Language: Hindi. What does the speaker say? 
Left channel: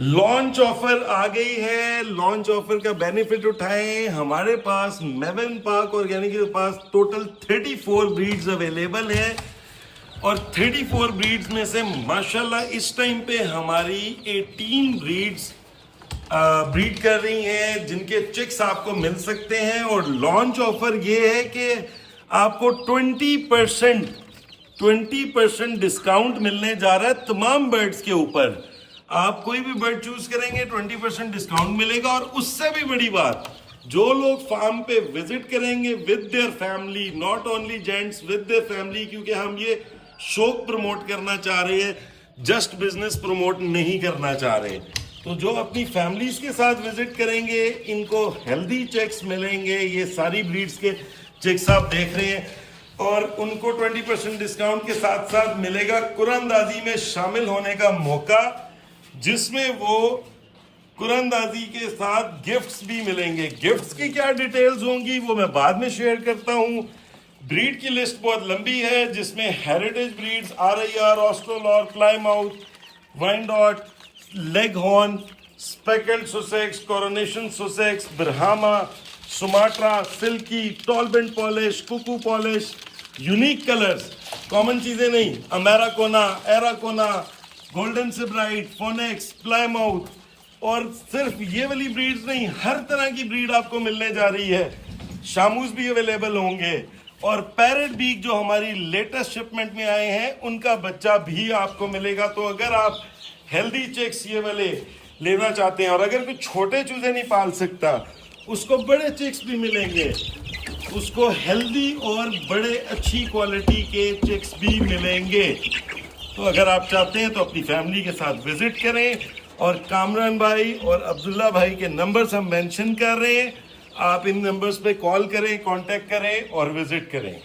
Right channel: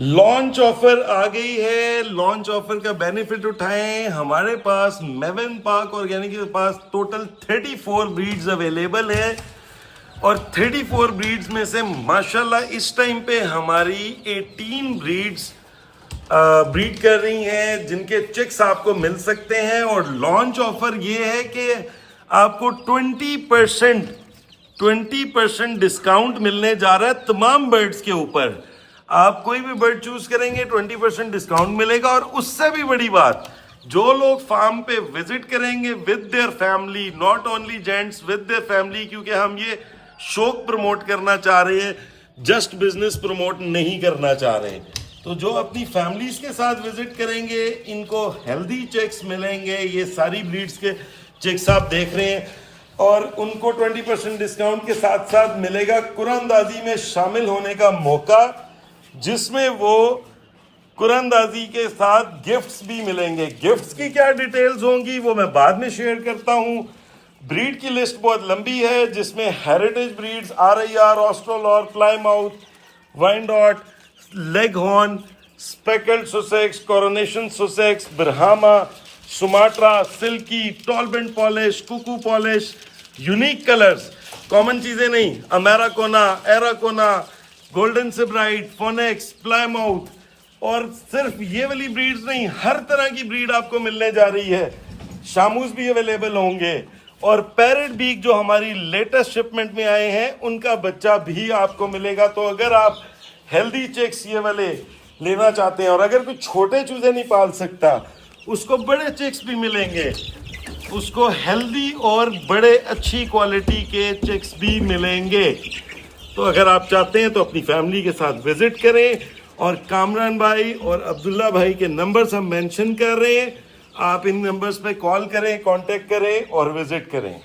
लॉन्च ऑफर आ गई है। लॉन्च ऑफर का बेनिफिट उठाएं। हमारे पास मेवन पार्क ऑर्गेनिक के पास टोटल 34 ब्रीड्स अवेलेबल है और 34 ब्रीड्स में से माशाल्लाह इस टाइम पे हमारी 18 ब्रीड्स ब्रीड कर रही हैं जिनके चिक्स आपको मिल सकते हैं। और लॉन्च ऑफर ये है कि आपको 20% डिस्काउंट मिलने जा रहा है तमाम बर्ड्स के ऊपर। आप कोई भी बर्ड चूज करेंगे 20% डिस्काउंट मिलेगा। और उससे भी बड़ी बात, जो लोग फार्म पे विजिट करेंगे with their family, not only gents, with their family, क्योंकि हम ये शौक प्रमोट करना चाह रहे हैं, जस्ट बिजनेस प्रमोट नहीं करना चाह रहे। तो जो अपनी फैमिलीज के साथ विजिट करेंगे इनको हेल्दी चेक्स मिलेंगे। ये सारी ब्रीड्स के चेक्स आप देख रहे हैं और उनको 20% डिस्काउंट के साथ साथ मिलेगा कुरानदाजी में शामिल होने का मौका, जिसमें वो कुरानदाजी के साथ गिफ्ट्स भी मिलेंगे। गिफ्ट्स की क्या डिटेल्स होंगी वो मैं बाद में शेयर करता हूं। ब्रीड की लिस्ट बहुत लंबी है जिसमें heritage breeds, RIR, Australorp, Plymouth, Wyandotte, Leghorn, speckled Sussex, coronation Sussex, Brahma, Sumatra, Silkie, tolbunt Polish, cuckoo Polish, unique colours, common चीजें नहीं, Ameraucana, Araucana, golden Sebright, Phoenix, Plymouth. और सिर्फ ये वाली ब्रीड्स नहीं, हर तरह की ब्रीड आपको मिलने जा रही है। शामूस भी अवेलेबल होंगे और पैरेट बीक जो हमारी लेटेस्ट शिपमेंट में आए हैं उनका बच्चा भी आपको मिलेगा। तो अगर आप हेल्दी चिक्स ये वाले लेना चाहते हैं और अगर कोई छोटे चूजे नहीं पाल सकता उसको बड़े चिक्स भी मिलेंगे, उसको हेल्दी और बड़े अच्छी क्वालिटी के चिक्स भी मिलेंगे। तो अगर आप चाहते हैं तो अपनी फैमिली के साथ विजिट करें। और कामरान भाई और अब्दुल्ला भाई के नंबर्स हम मेंशन कर रहे हैं, आप इन नंबर्स पे कॉल करें, कांटेक्ट करें और विजिट करें।